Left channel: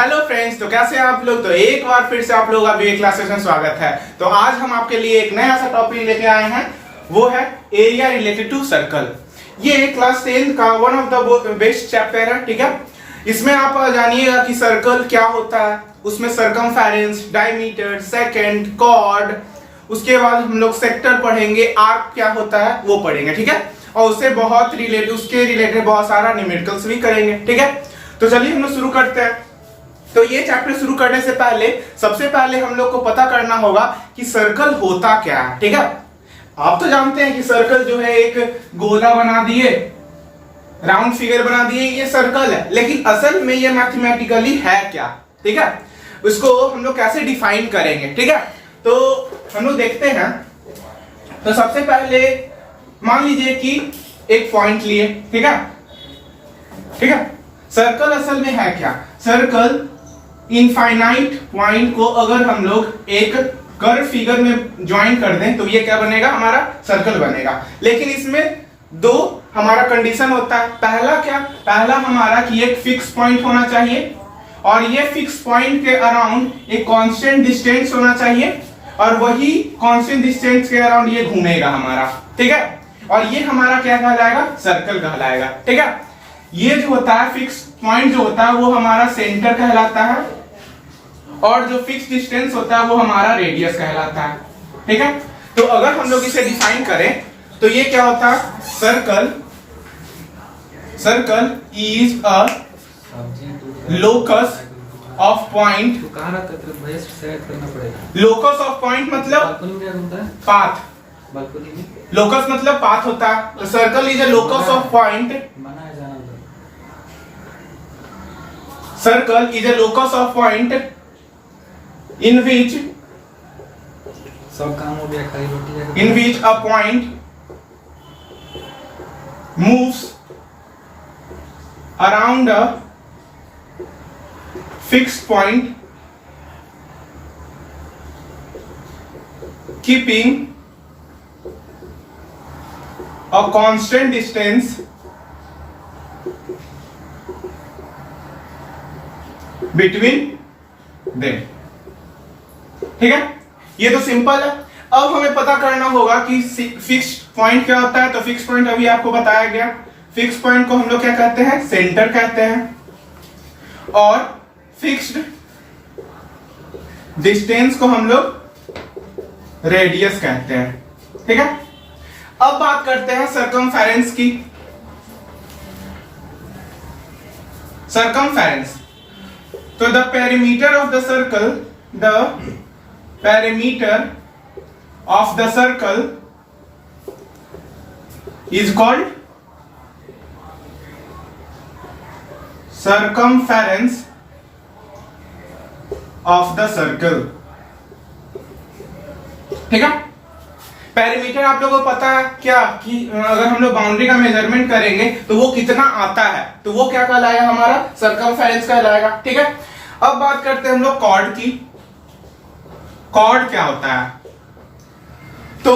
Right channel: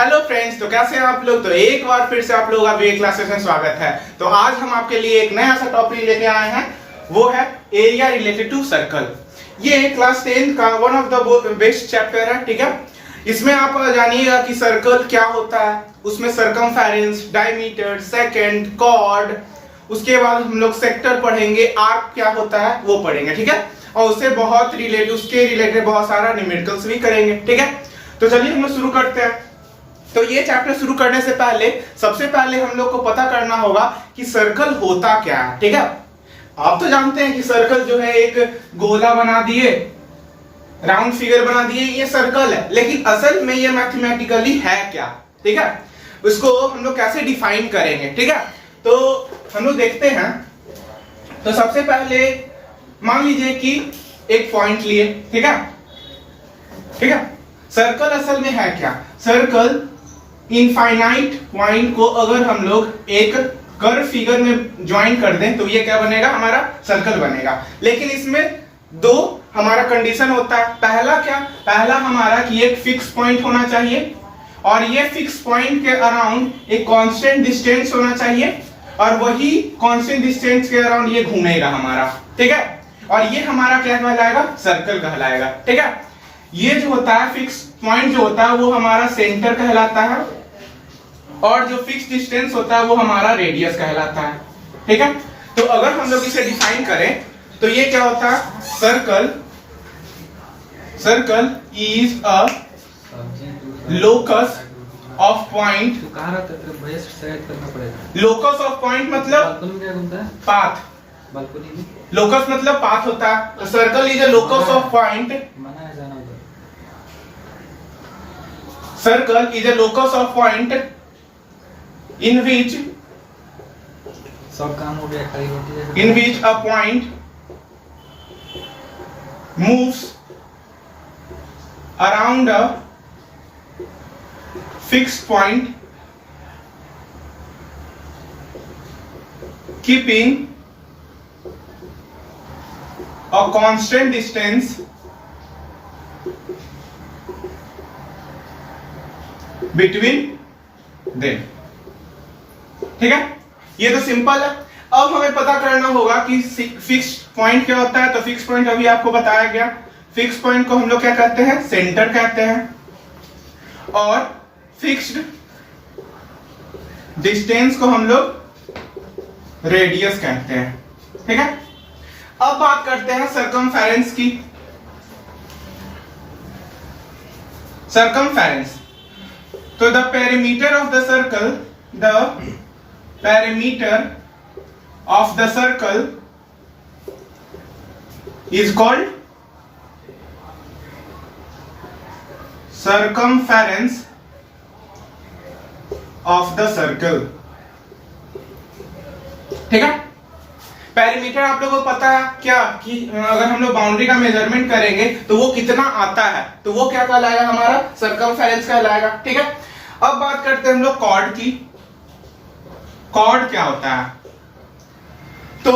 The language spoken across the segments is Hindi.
हेलो फ्रेंड्स, तो कैसे हैं आप लोग। तो एक बार फिर से आप लोग का भी क्लासेस में स्वागत है। तो आज हम आपके लिए एक नया सा टॉपिक लेके आए हैं, वो है एरिया रिलेटेड टू सर्कल। ये क्लास 10 का one of the best chapter है, ठीक है। इसमें आप जानिएगा कि सर्कल क्या होता है, उसमें सरकमफेरेंस, डायमीटर, सेकंड, कॉर्ड, उसके बाद हम लोग सेक्टर पढ़ेंगे, आर्क क्या होता है वो पढ़ेंगे, ठीक है। और उससे बहुत उसके रिलेटेड बहुत सारा न्यूमेरिकल्स भी करेंगे, ठीक है। तो चलिए हम लोग शुरू करते हैं। तो ये चैप्टर शुरू करने से पहले सबसे पहले हम लोग को पता करना होगा कि सर्कल होता क्या है, ठीक है। आप तो जानते हैं कि सर्कल जो है एक गोला बना दिए, राउंड फिगर बना दिए, ये सर्कल है। लेकिन असल में ये मैथमेटिकली है क्या, ठीक है। उसको हम लोग कैसे डिफाइन करेंगे, ठीक है। तो हम लोग देखते हैं। तो सबसे पहले मान लीजिए कि एक पॉइंट लिए, ठीक है, ठीक है। सर्कल असल में है क्या, सर्कल इनफाइनाइट पॉइंट को अगर हम लोग एक कर्व फिगर में ज्वाइन कर दें तो ये क्या बनेगा, हमारा सर्कल बनेगा। लेकिन इसमें दो हमारा कंडीशन होता है। पहला क्या, पहला हमारा कि एक फिक्स पॉइंट होना चाहिए और ये फिक्स पॉइंट के अराउंड एक कांस्टेंट डिस्टेंस होना चाहिए और वही कांस्टेंट डिस्टेंस के अराउंड ये घूमेगा हमारा, ठीक है। और ये हमारा क्या कहलाएगा, सर्कल कहलाएगा, ठीक है। ये जो होता है फिक्स पॉइंट जो होता है वो हमारा सेंटर कहलाता है और जो फिक्स डिस्टेंस होता है वो हमारा रेडियस कहलाता है, ठीक है। तो अगर हम लोग इसे डिफाइन करें तो ये क्या होता है, circle is a locus of point. Locus of point मतलब पाथ, लोकस मतलब पाथ होता है। तो circle is a locus of point, circle is a locus of point in which सब काम हो गया, खाली रोटी in which a point moves around a fixed point keeping a constant distance between them, ठीक है। ये तो सिंपल है। अब हमें पता करना होगा कि फिक्स्ड पॉइंट क्या होता है। तो फिक्स पॉइंट अभी आपको बताया गया। फिक्स पॉइंट को हम लोग क्या कहते हैं, सेंटर कहते हैं। और फिक्स्ड डिस्टेंस को हम लोग रेडियस कहते हैं, ठीक है। अब बात करते हैं सरकमफेरेंस की। सरकमफेरेंस, तो the perimeter of the circle, the perimeter of the circle is called circumference of the circle, ठीक है। पेरीमीटर आप लोगों को पता है क्या कि अगर हम लोग बाउंड्री का मेजरमेंट करेंगे तो वो कितना आता है, तो वो क्या कहलाएगा, हमारा सर्कमफेरेंस कहलाएगा, ठीक है। अब बात करते हैं हम लोग कॉर्ड की। कॉर्ड क्या होता है, तो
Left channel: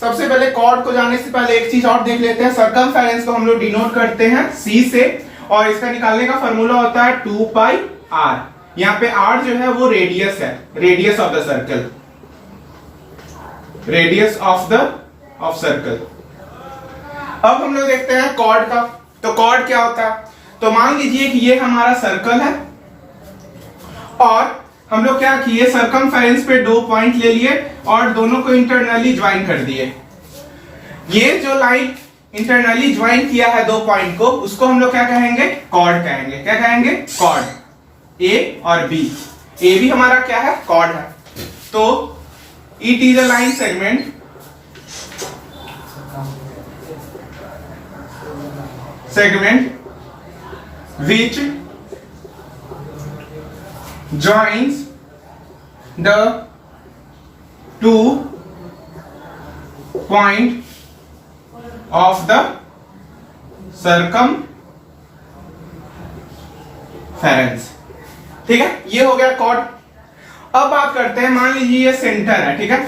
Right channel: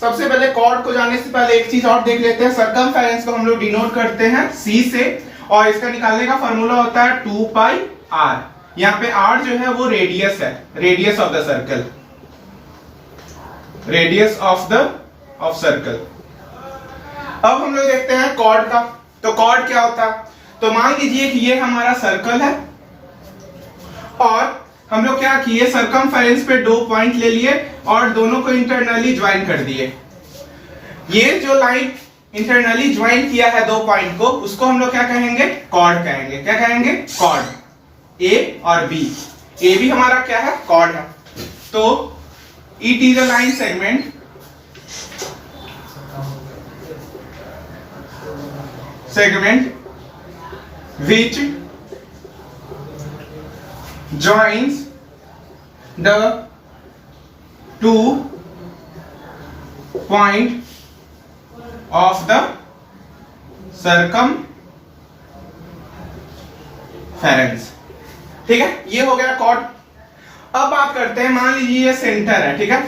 सबसे पहले कॉर्ड को जानने से पहले एक चीज और देख लेते हैं। सरकमफेरेंस को हम लोग डिनोट करते हैं C से और इसका निकालने का फॉर्मूला होता है 2 पाई r। यहाँ पे r जो है वो रेडियस है, radius of the circle, radius of circle. अब हम लोग देखते हैं कॉर्ड का। तो कॉर्ड क्या होता है, तो मान लीजिए कि ये हमारा सर्कल है और हम लोग क्या किए, सरकमफेरेंस पे दो पॉइंट ले लिए और दोनों को इंटरनली ज्वाइन कर दिए। ये जो लाइन इंटरनली ज्वाइन किया है दो पॉइंट को, उसको हम लोग क्या कहेंगे, कॉर्ड कहेंगे। क्या कहेंगे, कॉर्ड। ए और बी, ए भी हमारा क्या है, कॉर्ड है। तो it is a line segment which joins the two point of the circumference, ठीक है। ये हो गया कॉर्ड। अब बात करते हैं, मान लीजिए ये सेंटर है, ठीक है।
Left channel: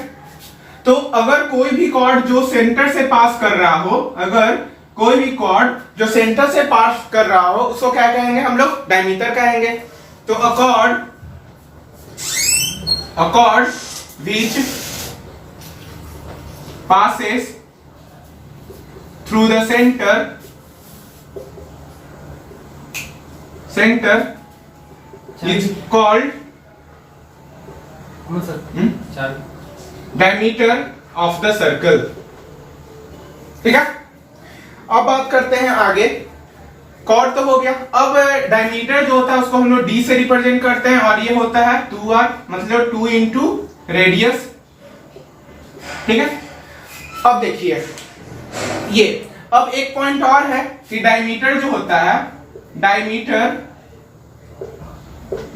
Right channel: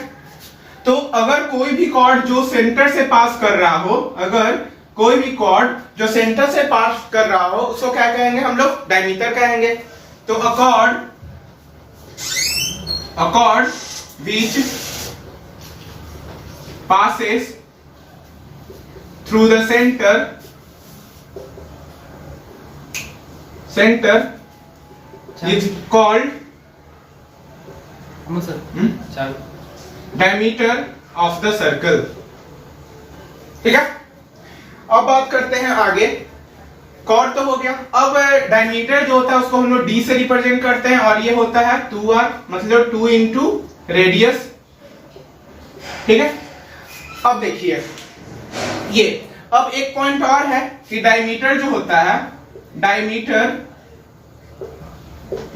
तो अगर कोई भी कॉर्ड जो सेंटर से पास कर रहा हो, अगर कोई भी कॉर्ड जो सेंटर से पास कर रहा हो, उसको क्या कहेंगे हम लोग, डायमीटर कहेंगे। तो a chord which passes through the center is called diameter of the circle। ठीक है, अब बात करते हैं आगे। कॉर्ड तो हो गया, अब डायमीटर जो होता है उसको हम लोग डी से रिप्रेजेंट करते हैं और ये होता है 2r, मतलब 2 इंटू रेडियस। ठीक है, अब देखिए ये, अब एक पॉइंट और है कि डायमीटर जो होता है, diameter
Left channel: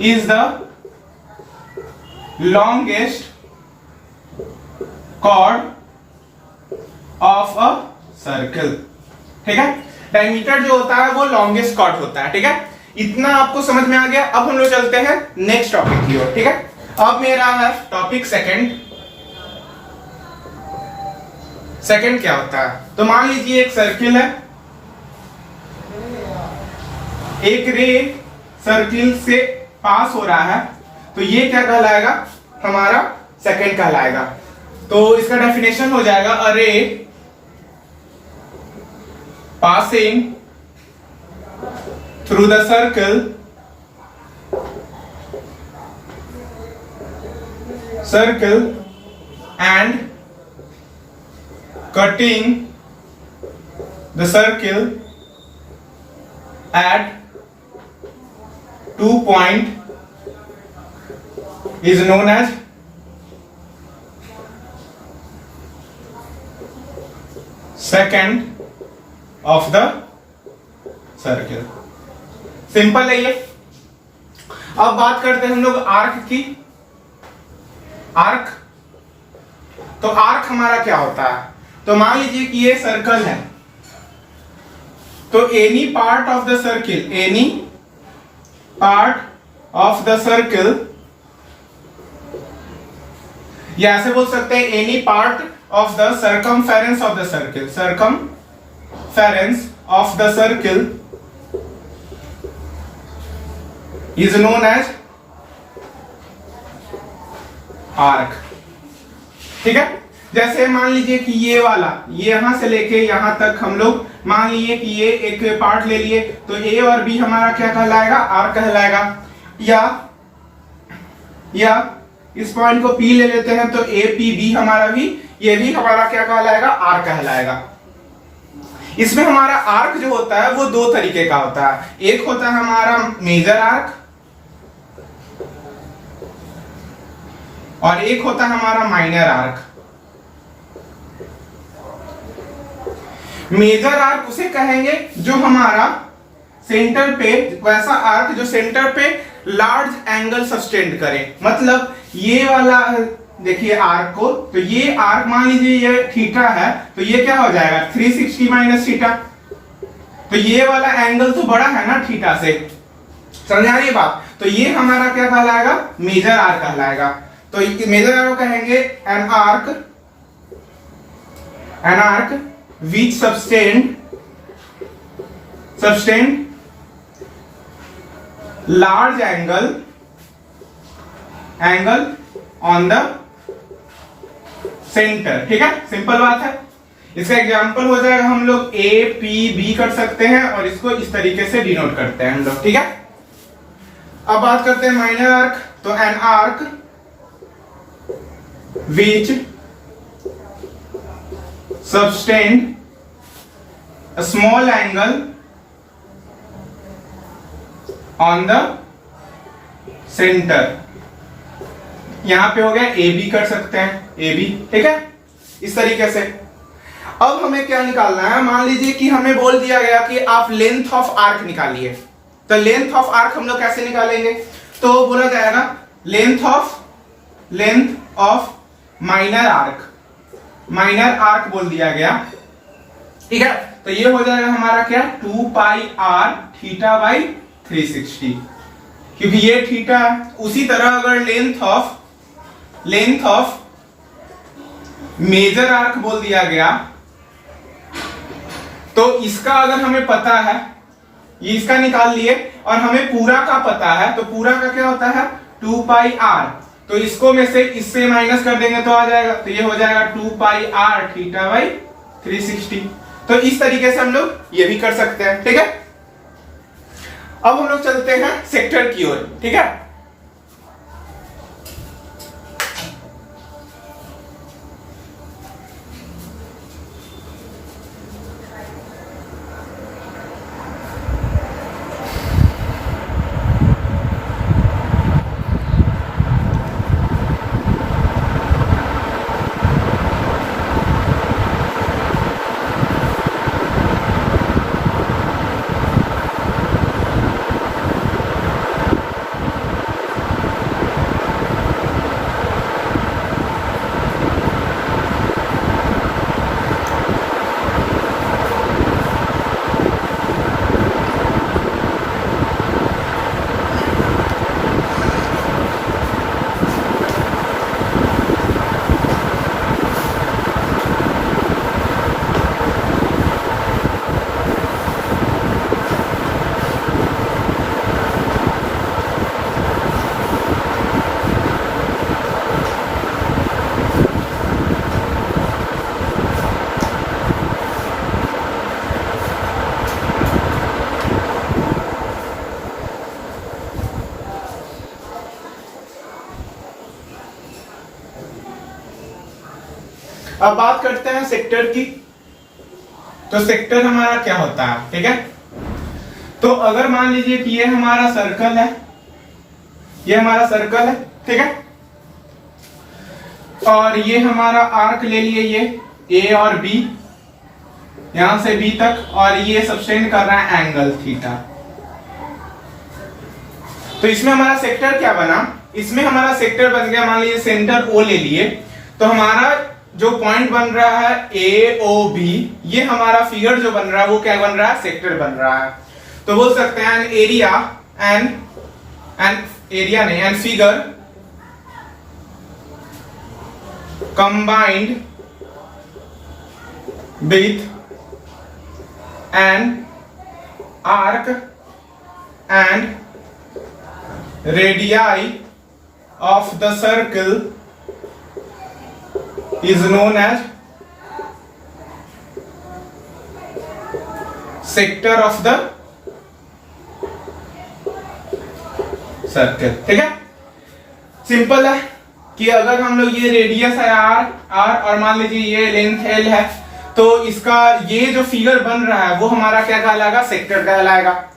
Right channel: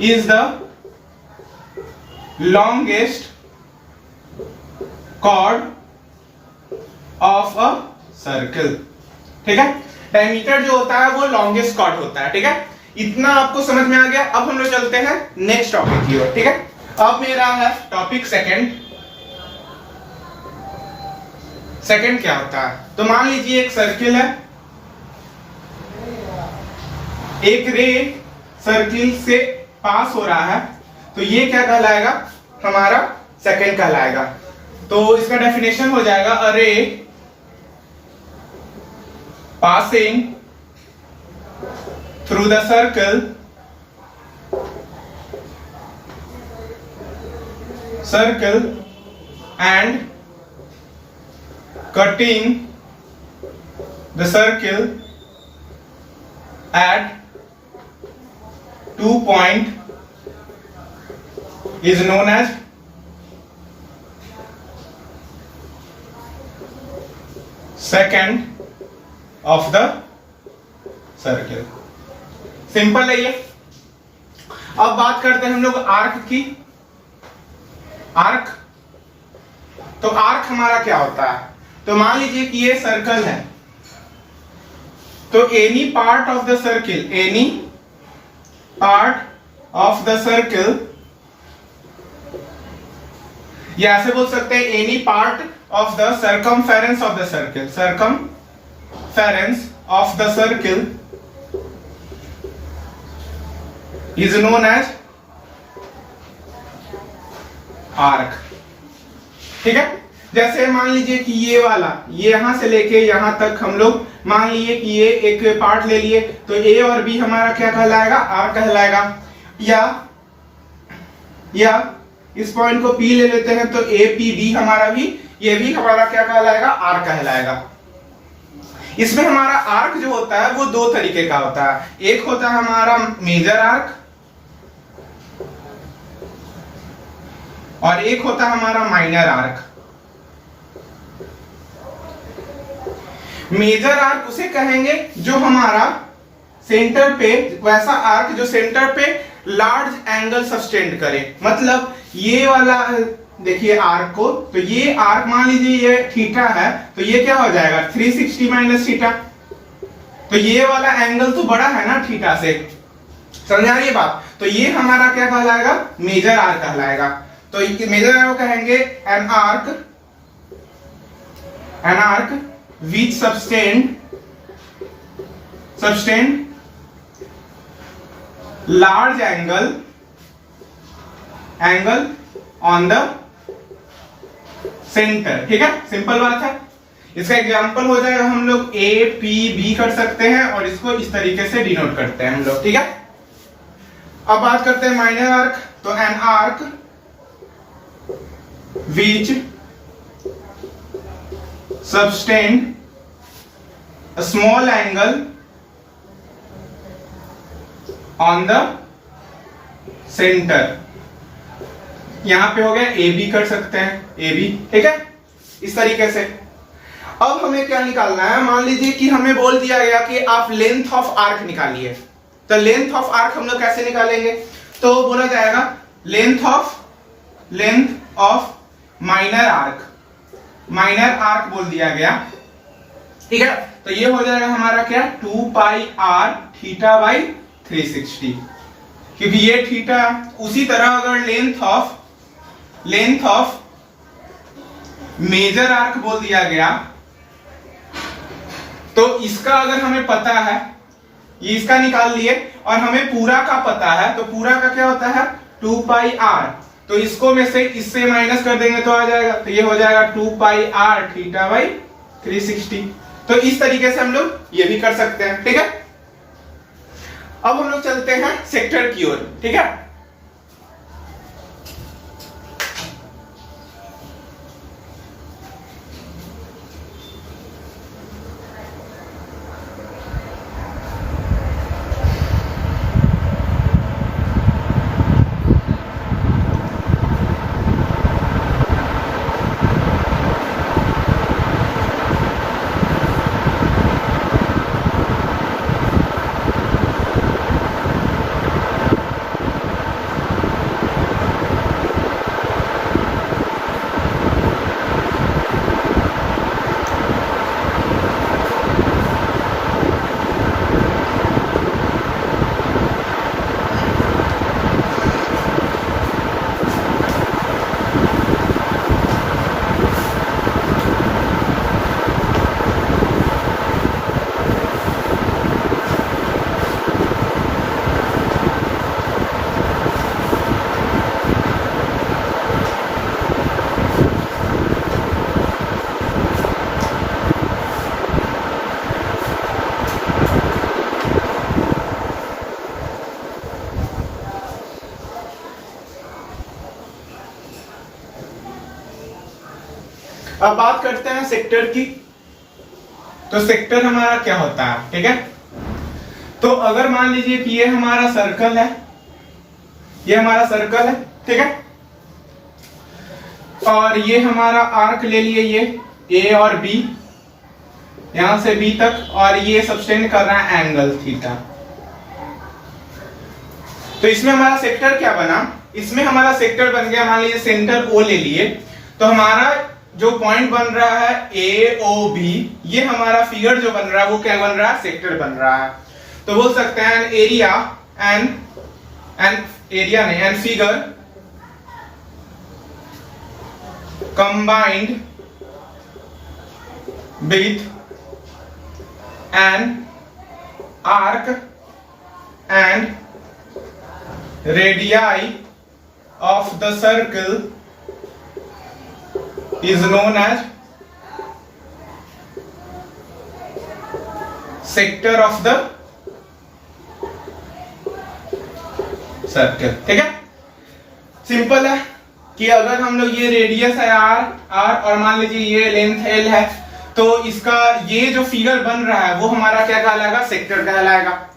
is the longest chord of a circle. ठीक है, डायमीटर जो होता है वो लॉन्गेस्ट कॉर्ड होता है। ठीक है, इतना आपको समझ में आ गया। अब हम लोग चलते हैं नेक्स्ट टॉपिक की ओर। ठीक है, अब मेरा है टॉपिक सेकंड। सेकंड क्या होता है, तो मान लीजिए एक सर्किल है, एक रे सर्किल से पास हो रहा है, तो ये क्या कहलाएगा, हमारा सेकंड कहलाएगा। तो इसका डेफिनेशन हो जाएगा, अ रे passing through the circle and cutting the circle at 2 point is known as second of the circle. Simple है ये। अब बात करते हैं हम लोग आर्क की। आर्क, तो आर्क हमारा क्या होता है, तो मान लीजिए कि ये सर्कल है, तो any part of the circle, any part of the circle, या ऐसे बोल सकते हैं any part of the circumference of the circle, circumference of the circle is known as arc। ठीक है, जैसे मान लीजिए कि ये वाला, ये यहां से लेके यहां तक हम लोग मान लीजिए कि ये एक पार्ट ले लिए, तो ए और बी हमारा क्या कहलाएगा, आर्क कहलाएगा। या इस पॉइंट को पी ले लेते हैं, तो ए पी बी हमारा भी, ये भी हमारा क्या कहलाएगा, आर्क कहलाएगा। इसमें हमारा आर्क जो होता है वो दो तरीके का होता है, एक होता है हमारा मेजर आर्क और एक होता है हमारा माइनर आर्क। मेजर आर्क उसे कहेंगे जो हमारा सेंटर पे, वैसा आर्क जो सेंटर पे लार्ज एंगल सस्टेंड करे। मतलब ये वाला देखिए आर्क को, तो ये आर्क मान लीजिए ये थीटा है, तो ये क्या हो जाएगा 360 माइनस थीटा, तो ये वाला एंगल तो बड़ा है ना थीटा से, समझा ये बात। तो ये हमारा क्या कहलाएगा, मेजर आर्क कहलाएगा। तो मेजर आर्क कहेंगे an arc which sustained large angle on the center. ठीक है, सिंपल बात है। इसका एग्जांपल हो जाएगा, हम लोग ए पी बी कर सकते हैं और इसको इस तरीके से डिनोट करते हैं हम लोग। ठीक है, अब बात करते हैं माइनर आर्क। तो an arc which subtend a small angle on the center। यहां पे हो गया ए बी कर सकते हैं, ए बी, ठीक है, इस तरीके से। अब हमें क्या निकालना है, मान लीजिए कि हमें बोल दिया गया कि आप लेंथ ऑफ आर्क निकालिए। तो लेंथ ऑफ आर्क हम लोग कैसे निकालेंगे, तो बोला जाएगा length of minor arc. Minor arc बोल दिया गया, ठीक है। तो ये हो जाएगा हमारा क्या, 2 पाई आर थीटा बाई 360, क्योंकि ये थीटा। उसी तरह अगर लेंथ ऑफ मेजर आर्क बोल दिया गया, तो इसका अगर हमें पता है, ये इसका निकाल लिए और हमें पूरा का पता है, तो पूरा का क्या होता है 2 पाई r, तो इसको में से इससे माइनस कर देंगे तो आ जाएगा, तो ये हो जाएगा 2 पाई r थीटा बाई 360। तो इस तरीके से हम लोग ये भी कर सकते हैं, ठीक है। अब हम लोग चलते हैं सेक्टर की ओर, ठीक है। अब बात करते हैं सेक्टर की। तो सेक्टर हमारा क्या होता है, ठीक है। तो अगर मान लीजिए कि ये हमारा सर्कल है, ये हमारा सर्कल है, ठीक है, और ये हमारा आर्क ले लिए, ये ए और बी, यहां से बी तक, और ये सब्सटेंड कर रहा है एंगल थीटा। तो इसमें हमारा सेक्टर क्या बना, इसमें हमारा सेक्टर बन गया, मान लीजिए सेंटर ओ ले लिए, तो हमारा जो पॉइंट बन रहा है ए ओ बी, ये हमारा फिगर जो बन रहा है वो क्या बन रहा है, सेक्टर बन रहा है। तो बोल सकते हैं an area, an figure combined with an arc and radii of the circle is known as sector of the circle, ठीक है। सिंपल है कि अगर हम लोग ये रेडियस है आर और मान लीजिए ये लेंथ एल है, तो इसका ये जो फिगर बन रहा है वो हमारा क्या कहलाएगा, सेक्टर कहलाएगा।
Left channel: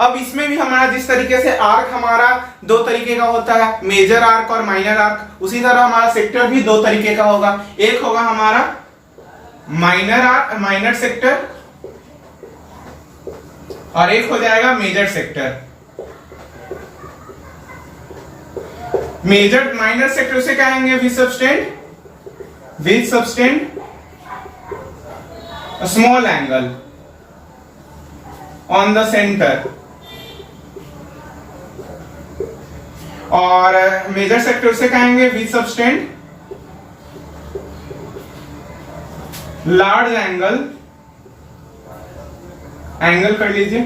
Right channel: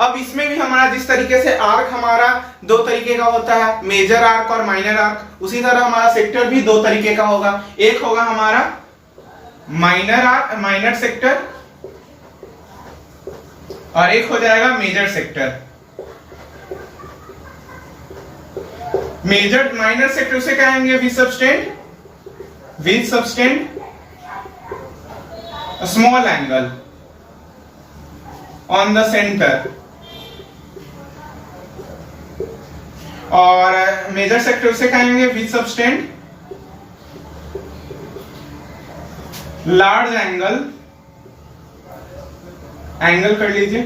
अब इसमें भी हमारा जिस तरीके से आर्क हमारा दो तरीके का होता है, मेजर आर्क और माइनर आर्क, उसी तरह हमारा सेक्टर भी दो तरीके का होगा। एक होगा हमारा माइनर आर्क, माइनर सेक्टर, और एक हो जाएगा major sector. Major minor sector से कहेंगे with subtend small angle on the center, और मेजर सेक्टर से कहेंगे विथ सबटेंड लार्ज एंगल कर लीजिए,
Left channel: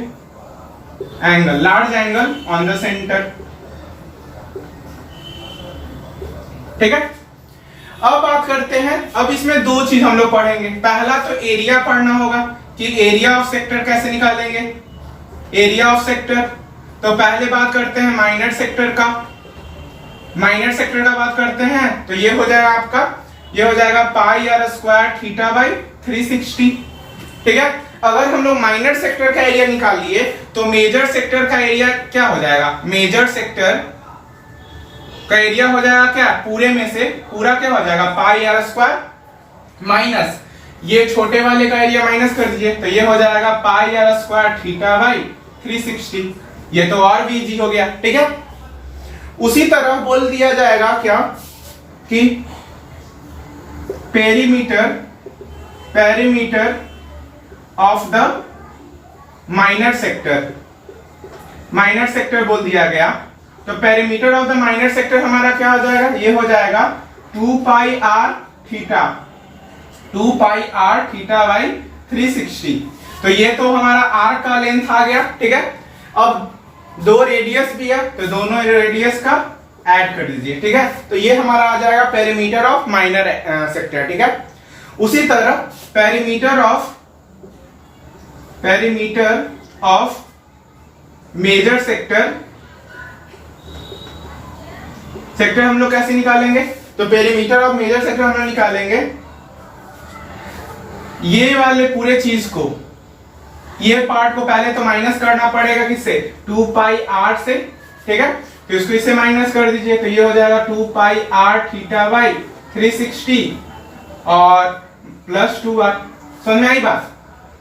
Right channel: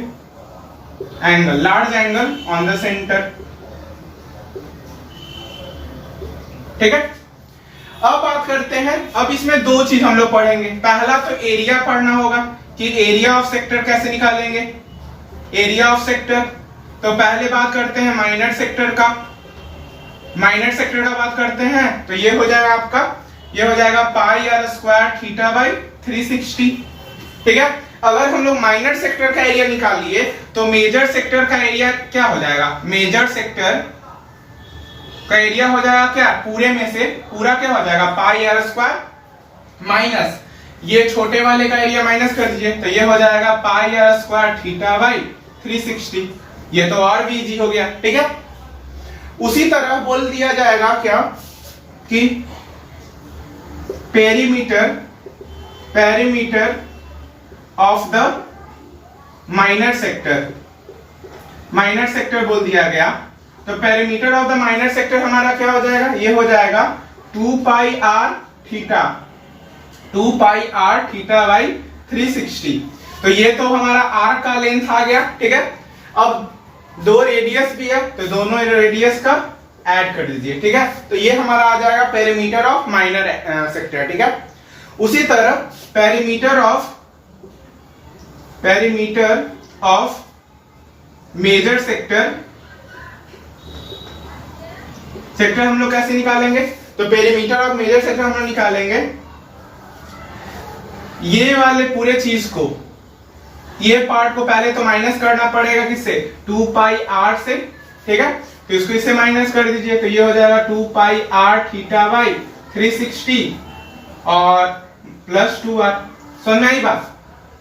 large angle on the center, ठीक है। अब बात करते हैं, अब इसमें दो चीज हम लोग पढ़ेंगे। पहला तो एरिया पढ़ना होगा कि एरिया ऑफ सेक्टर कैसे निकालेंगे, एरिया ऑफ सेक्टर। तो पहले बात करते हैं माइनर सेक्टर का। माइनर सेक्टर का बात करते हैं तो ये हो जाएगा आपका, ये हो जाएगा पाई आर स्क्वायर थीटा बाई 360, ठीक है। अगर हम लोग माइनर सेक्टर का एरिया निकाल लिए तो मेजर सेक्टर का एरिया क्या हो जाएगा, मेजर सेक्टर का एरिया हो जाएगा क्या, पूरे में से पूरा क्या हो जाएगा पाई आर स्क्वायर माइनस ये छोटे वाले का एरिया माइनस कर दीजिए, तो ये हो जाएगा पाई आर स्क्वायर थीटा बाई 360। ये तो और भी इजी हो गया, ठीक है। उसी तरह बोल दिया जाएगा क्या कि perimeter of the minor sector बोल दिया गया। तो perimeter of the minor sector हमारा क्या हो जाएगा, ये हो जाएगा 2 पाई आर थीटा बाई 360। तो ये तो हमारा आर्क का लेंथ आ गया, ठीक है। अब दो रेडियस भी है, तो दोनों रेडियस का ऐड कर दीजिए, ठीक है। तो ये हमारा आ जाएगा पेरीमीटर ऑफ माइनर सेक्टर, ठीक है। उसी तरह पेरीमीटर ऑफ मेजर सेक्टर हम लोग कैसे निकालेंगे? तो पेरीमीटर ऑफ मेजर सेक्टर हम लोग निकालेंगे ये वाले पूरे चीज को, ये पार्ट को पहले तो माइनस करना पड़ेगा, किससे? 2 पाई r से, ठीक है। तो इसको इससे माइनस कर दीजिए, तो ये हो जाएगा 2 पाई r थीटा बाई 360 और प्लस 2r। समझ में आई बात?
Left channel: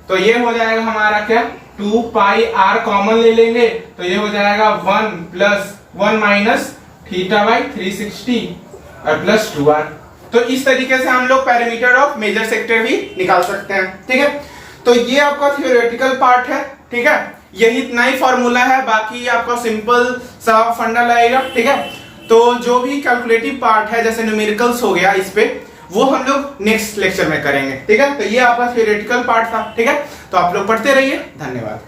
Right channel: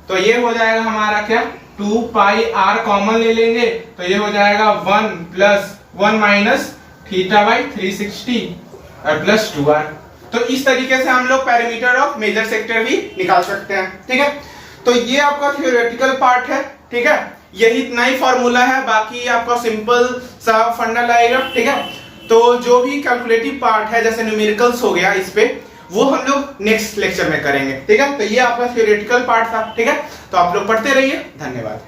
तो ये हो जाएगा हमारा क्या, 2 पाई r कॉमन ले लेंगे, तो ये हो जाएगा 1 प्लस 1 माइनस थीटा बाई 360 और प्लस 2r। तो इस तरीके से हम लोग पेरीमीटर ऑफ मेजर सेक्टर भी निकाल सकते हैं, ठीक है। तो ये आपका थ्योरेटिकल पार्ट है, ठीक है। यही इतना ही फॉर्मूला है, बाकी आपका सिंपल सा फंडा लगेगा, ठीक है। तो जो भी कैलकुलेटिव पार्ट है जैसे न्यूमेरिकल्स हो गया, इस पे वो हम लोग नेक्स्ट लेक्चर में करेंगे, ठीक है। तो ये आपका थ्योरेटिकल पार्ट था, ठीक है। तो आप लोग पढ़ते रहिए, धन्यवाद।